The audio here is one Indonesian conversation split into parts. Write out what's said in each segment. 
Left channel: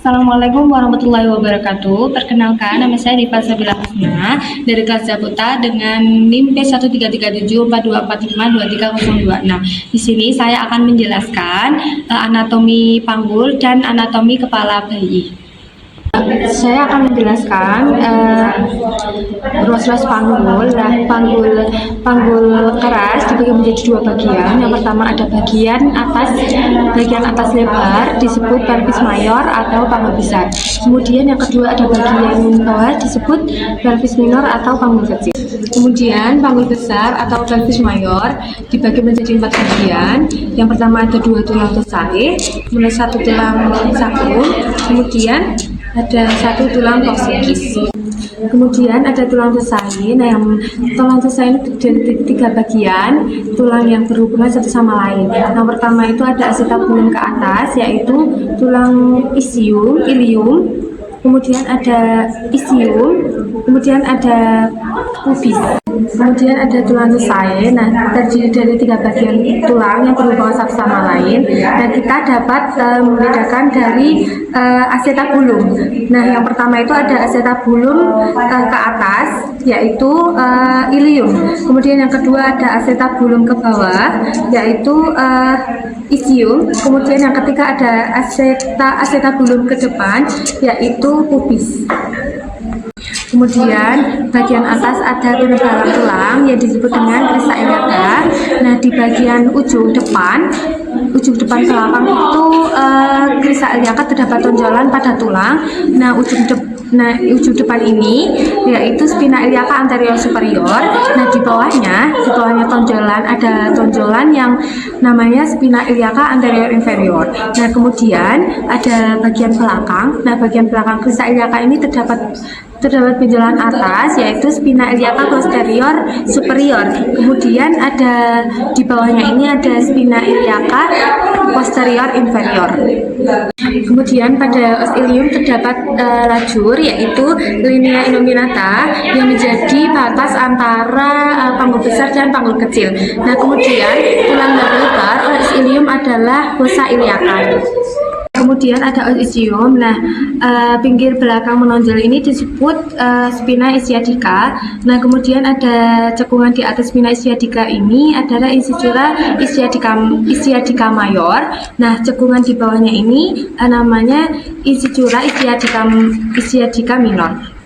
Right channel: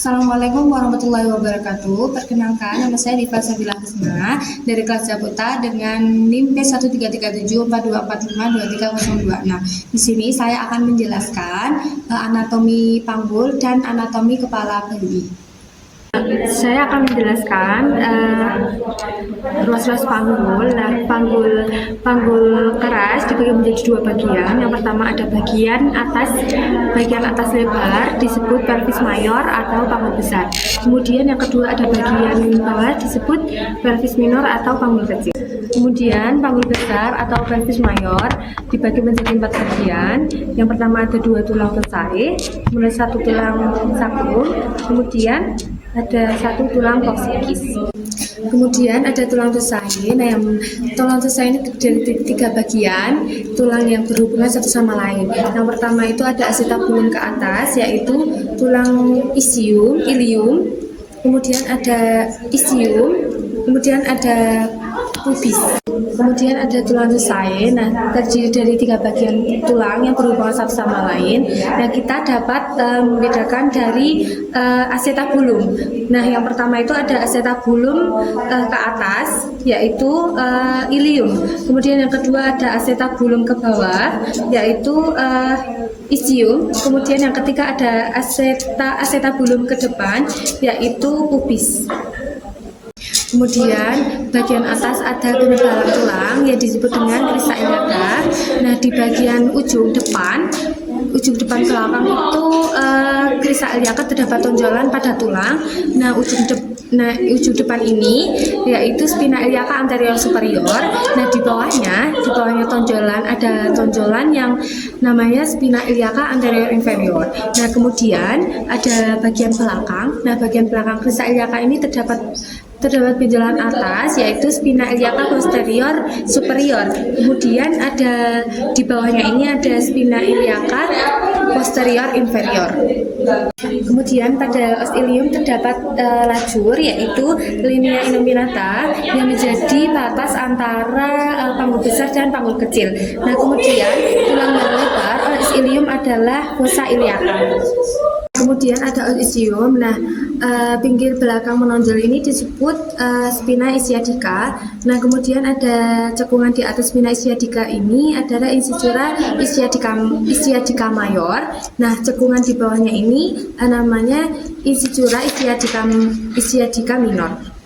Assalamualaikum warahmatullahi wabarakatuh. Perkenalkan, nama saya Diva Sabila Hasna dari kelas Japuta dengan NIM P1337424523026. Nah, di sini saya akan menjelaskan anatomi panggul dan anatomi kepala bayi. Saya akan menjelaskan ruas-ruas panggul. Nah, panggul keras dibagi menjadi dua bagian. Yang pertama ada bagian atas lebar disebut pelvis mayor atau panggul besar. Kemudian yang kedua ada bagian bawah disebut pelvis minor atau panggul kecil. Kemudian panggul besar atau pelvis mayor dibagi menjadi 4 bagian. Yang pertama ada 2 tulang tosai, kemudian 1 tulang sacrum, kemudian ada 1 tulang coccygeus. Kemudian ada tulang tosai. Nah, yang tulang tosai ini terdiri dari 3 bagian, tulang yang berhubungan satu sama lain. Yang pertama itu ada acetabulum ke atas, yaitu tulang ilium, kemudian ada ischium, kemudian ada pubis. Kemudian ada tulang tosai. Nah, terdiri dari 3 bagian tulang yang berhubungan satu sama lain. Nah, kita dapat membedakan dari acetabulum. Nah, yang pertama itu ada acetabulum ke atas, yaitu ilium. Kemudian yang kedua ada acetabulum ke bawah, yaitu ischium. Kemudian yang ketiga ada acetabulum ke depan, yaitu pubis. Kemudian bagian atas ada penebalan tulang yang disebut dengan krista iliaca. Nah, di bagian ujung depan belakang itu krista iliaca terdapat tonjolan pada tulang. Nah, ujung depan ini yaitu spina iliaca anterior superior. Nah, di bawahnya ada tonjolan yang namanya spina iliaca anterior inferior. Nah, kemudian ada bagian belakang. Nah, bagian belakang krista iliaca ini terdapat benjolan atas, yaitu spina iliaca posterior superior. Kemudian ada di bawahnya ini ada spina iliaca posterior inferior. Kemudian pada os ilium terdapat lajur, yaitu linea innominata yang menjadi batas antara panggul besar dan panggul kecil. Nah, kemudian tulang yang lebar os ilium adalah fossa iliaca. Kemudian ada os ischium. Nah, pinggir belakang menonjol ini disebut spina ischiadica. Nah, kemudian ada cekungan di atas spina ischiadica ini adalah incisura ischiadica mayor. Nah, cekungan di bawahnya ini namanya incisura ischiadica minor.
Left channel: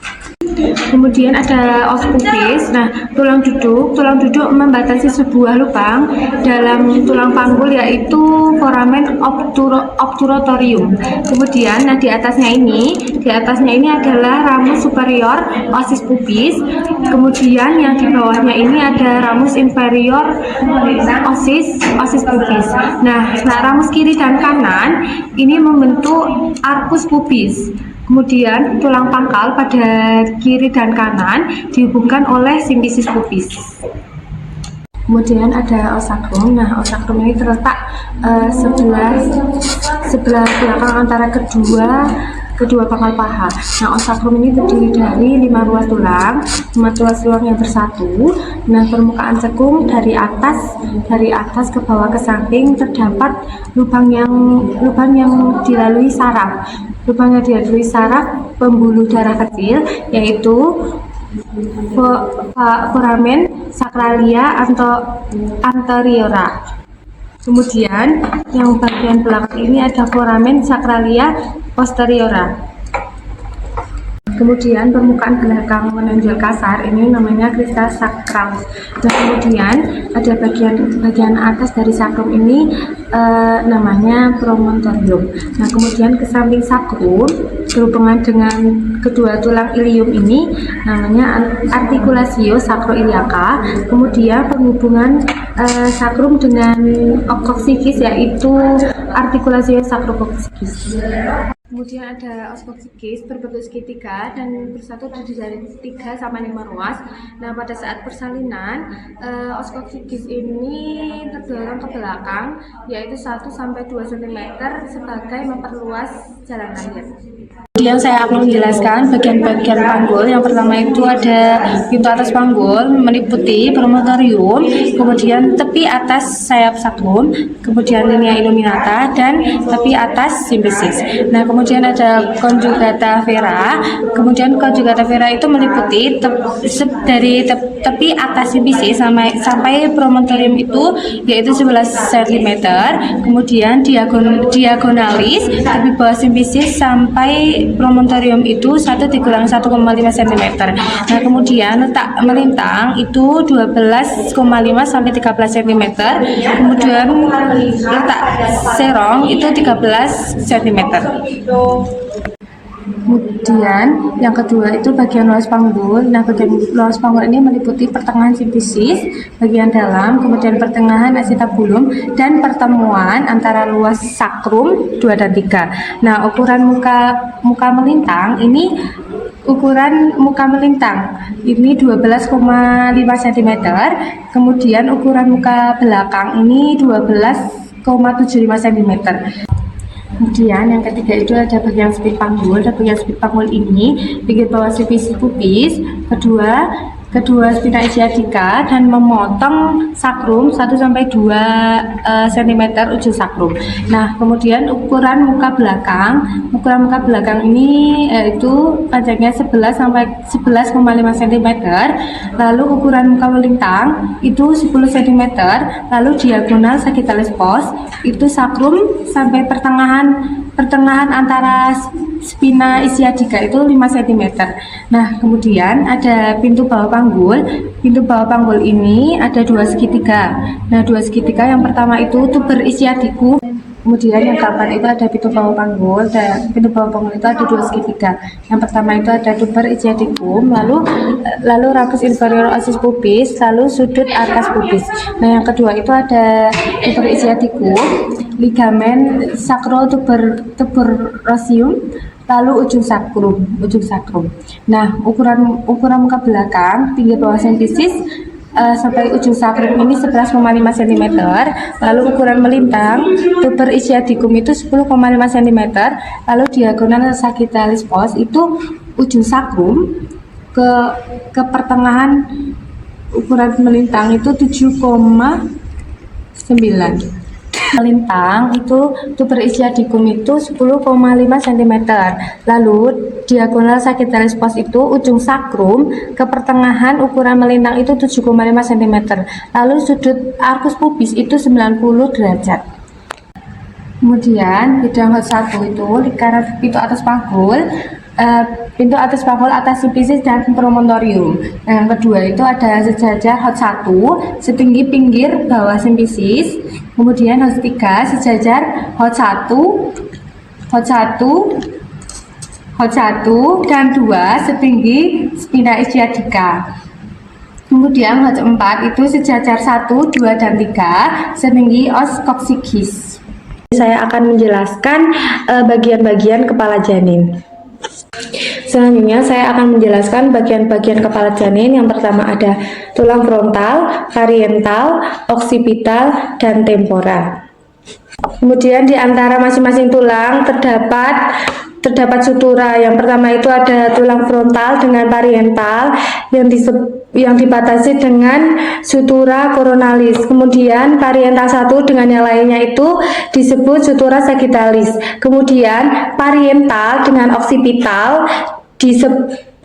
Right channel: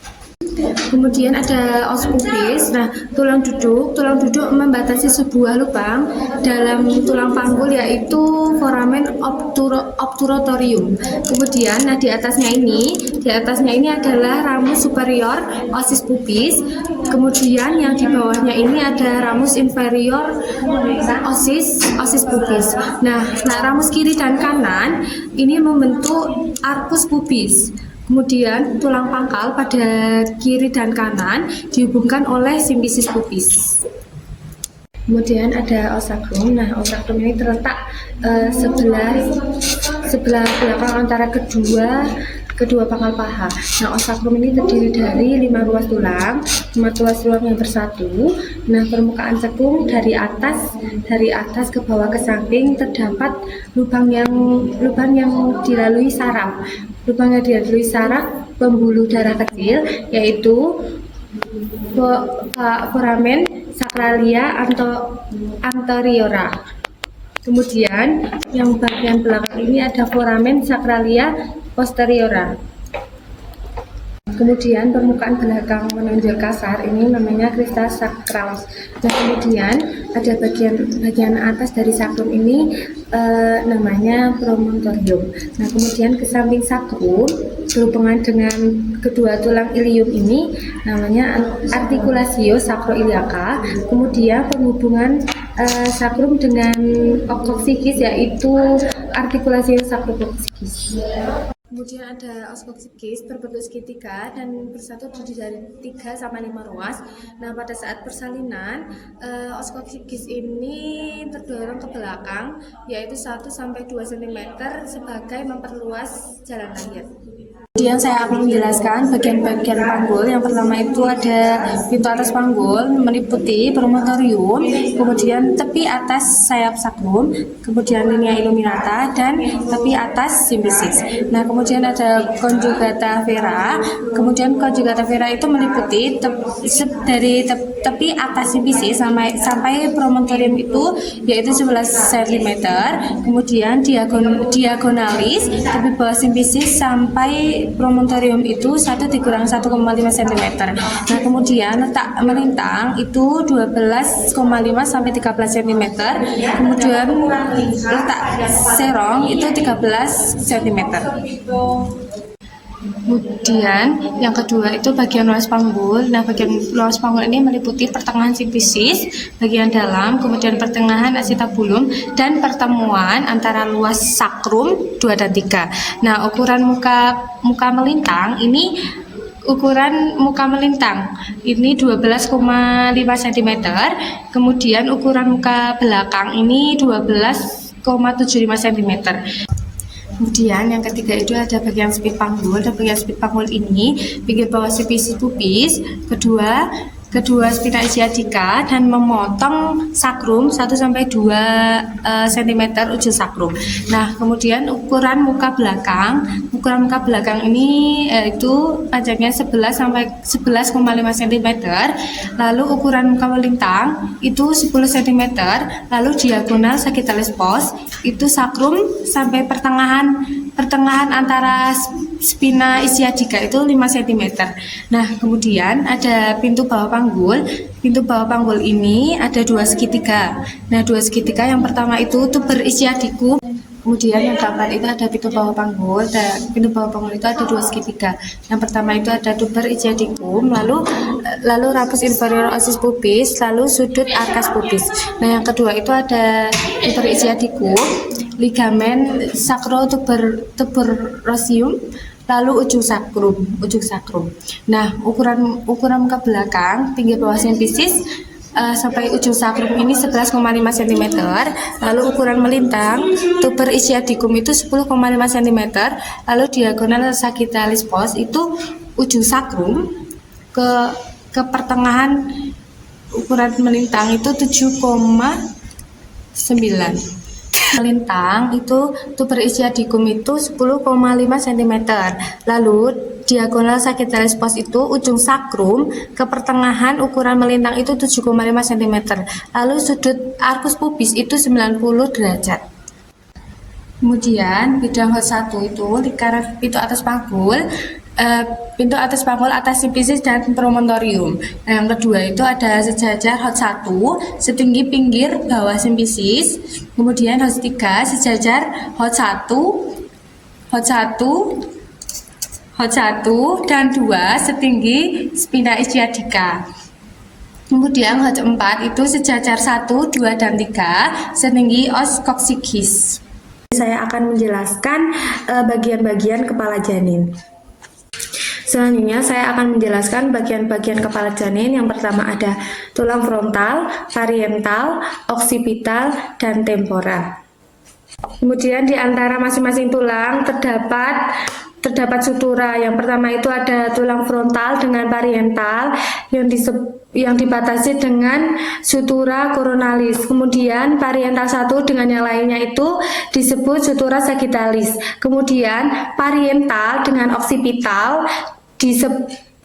Kemudian ada os pubis. Nah, tulang duduk membatasi sebuah lubang dalam tulang panggul, yaitu foramen obturatorium. Kemudian, di atasnya ini adalah ramus superior osis pubis. Kemudian yang di bawahnya ini ada ramus inferior osis pubis. Nah, ramus kiri dan kanan ini membentuk arcus pubis. Kemudian tulang pangkal pada kiri dan kanan dihubungkan oleh simfisis pubis. Kemudian ada os sacrum. Nah, os sacrum ini terletak sebelah belakang antara kedua pangkal paha. Nah, os sacrum ini terdiri dari 5 ruas tulang yang bersatu. Nah, permukaan cekung dari atas ke bawah ke samping terdapat lubang yang dilalui saraf. Lubangnya dilalui saraf pembuluh darah kecil, yaitu foramen sacralia anteriora. Kemudian yang bagian belakang ini ada foramen sacralia posteriora. Kemudian permukaan belakang menonjol kasar ini namanya crista sacralis. Nah, kemudian ada bagian atas dari sacrum ini namanya promontorium. Nah, kemudian ke samping sacrum berhubungan dengan kedua tulang ilium ini namanya articulatio sacroiliaca. Kemudian penghubungan sacrum dengan coccygeus yaitu articulatio sacrococcygeus. Kemudian ada os coccygeus berbentuk segitiga dan bersatu terdiri dari 3 sampai 5 ruas. Nah, pada saat persalinan, os coccygeus ini terdorong ke belakang, yaitu 1 sampai 2 cm sebagai memperluas jalan lahir. Kemudian saya akan menjelaskan bagian-bagian panggul. Yang pertama itu ada pintu atas panggul meliputi promontorium, kemudian tepi atas sayap sakrum, kemudian linea illuminata, dan tepi atas simpisis. Nah, kemudian ada conjugata vera. Kemudian conjugata vera itu meliputi dari tepi atas simpisis sampai promontorium itu yaitu 11 cm. Kemudian diagonalis tepi bawah simpisis sampai promontorium itu 1 dikurang 1,5 cm. Nah, kemudian letak melintang itu 12,5 sampai 13 cm. Kemudian letak serong itu 13 cm. Kemudian yang kedua itu bagian luas panggul. Nah, bagian luas panggul ini meliputi pertengahan simpisis bagian dalam, kemudian pertengahan acetabulum, dan pertemuan antara luas sakrum 2 dan 3. Nah, ukuran muka melintang ini ini 12,5 cm. Kemudian ukuran muka belakang ini 12,75 cm. Kemudian yang ketiga itu ada bagian spit panggul. Dan bagian spit panggul ini pinggir bawah simpisis pubis, kedua spina ischiadica, dan memotong sakrum 1-2 cm ujung sakrum. Nah, kemudian ukuran muka belakang ini yaitu panjangnya 11,5 cm. Lalu ukuran muka melintang itu 10 cm. Lalu diagonal sagittalis pos itu sakrum sampai pertengahan antara spina ischiadica itu 5 cm. Nah, kemudian ada pintu bawah panggul. Pintu bawah panggul ini ada 2 segitiga. Nah, 2 segitiga yang pertama itu tuber ischiadicum. Kemudian yang keempat itu ada pintu bawah panggul. Dan pintu bawah panggul itu ada 2 segitiga. Yang pertama itu ada tuber ischiadicum, lalu ramus inferior osis pubis, lalu sudut arkas pubis. Nah, yang kedua itu ada tuber ischiadicum, ligamen sacrotuberosium, lalu ujung sakrum. Nah, ukuran muka belakang pinggir bawah simpisis sampai ujung sakrum ini 11,5 cm. Lalu ukuran melintang tuber ischiadicum itu 10,5 cm. Lalu diagonal sagittalis pos itu ujung sakrum ke pertengahan ukuran melintang itu 7,9. Melintang itu tuber ischiadicum itu 10,5 cm. Lalu diagonal sagittalis pos itu ujung sakrum ke pertengahan ukuran melintang itu 7,5 cm. Lalu sudut arkus pubis itu 90 derajat. Kemudian bidang hot 1 itu lingkaran pintu atas panggul, atas simpisis dan promontorium. Nah, yang kedua itu ada sejajar hot 1 setinggi pinggir bawah simpisis. Kemudian hot 3 sejajar hot 1 dan 2 setinggi spina ischiadica. Kemudian hot 4 itu sejajar 1, 2, dan 3 setinggi os coccygeus. Saya akan menjelaskan bagian-bagian kepala janin. Selanjutnya saya akan menjelaskan bagian-bagian kepala janin. Yang pertama ada tulang frontal, parietal, occipital, dan temporal. Kemudian di antara masing-masing tulang terdapat sutura. Yang pertama itu ada tulang frontal dengan parietal yang dibatasi dengan sutura coronalis. Kemudian parietal 1 dengan yang lainnya itu disebut sutura sagittalis. Kemudian parietal dengan occipital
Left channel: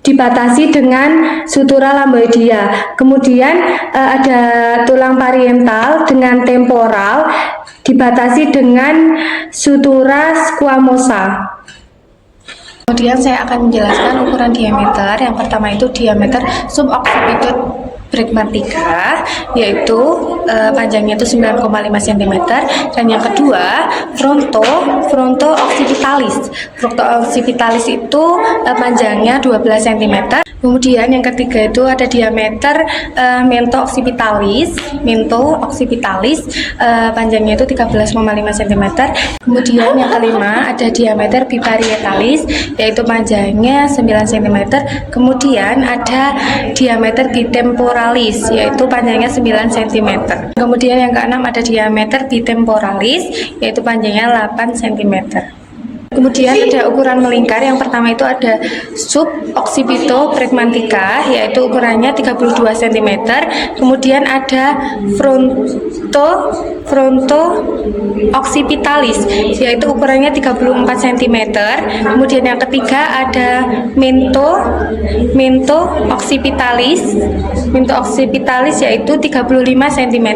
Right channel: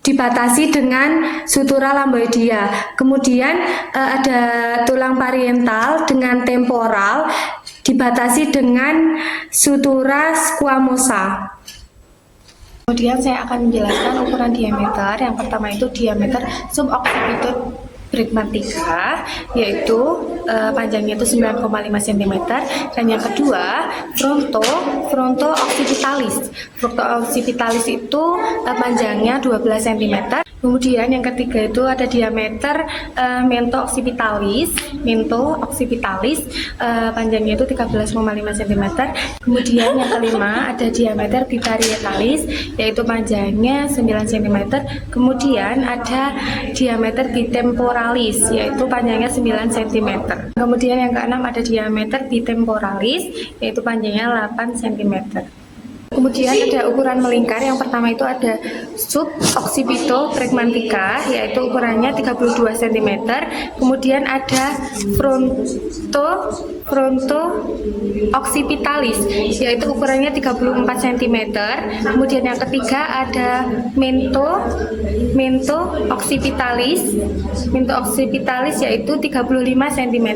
dibatasi dengan sutura lamboidia. Kemudian ada tulang parietal dengan temporal dibatasi dengan sutura squamosa. Kemudian saya akan menjelaskan ukuran diameter. Yang pertama itu diameter suboccipitut pragmatica, yaitu panjangnya itu 9,5 cm. Dan yang kedua fronto occipitalis. Fronto occipitalis itu panjangnya 12 cm. Kemudian yang ketiga itu ada diameter mento occipitalis, panjangnya itu 13,5 cm. Kemudian yang kelima ada diameter biparietalis, yaitu panjangnya 9 cm. Kemudian ada diameter bitemporalis, yaitu panjangnya 9 cm. Kemudian yang keenam ada diameter bitemporalis, yaitu panjangnya 8 cm. Kemudian ada ukuran melingkar. Yang pertama itu ada sub occipito pragmatica, yaitu ukurannya 32 cm. Kemudian ada fronto occipitalis, yaitu ukurannya 34 cm. Kemudian yang ketiga ada mento occipitalis, yaitu 35 cm.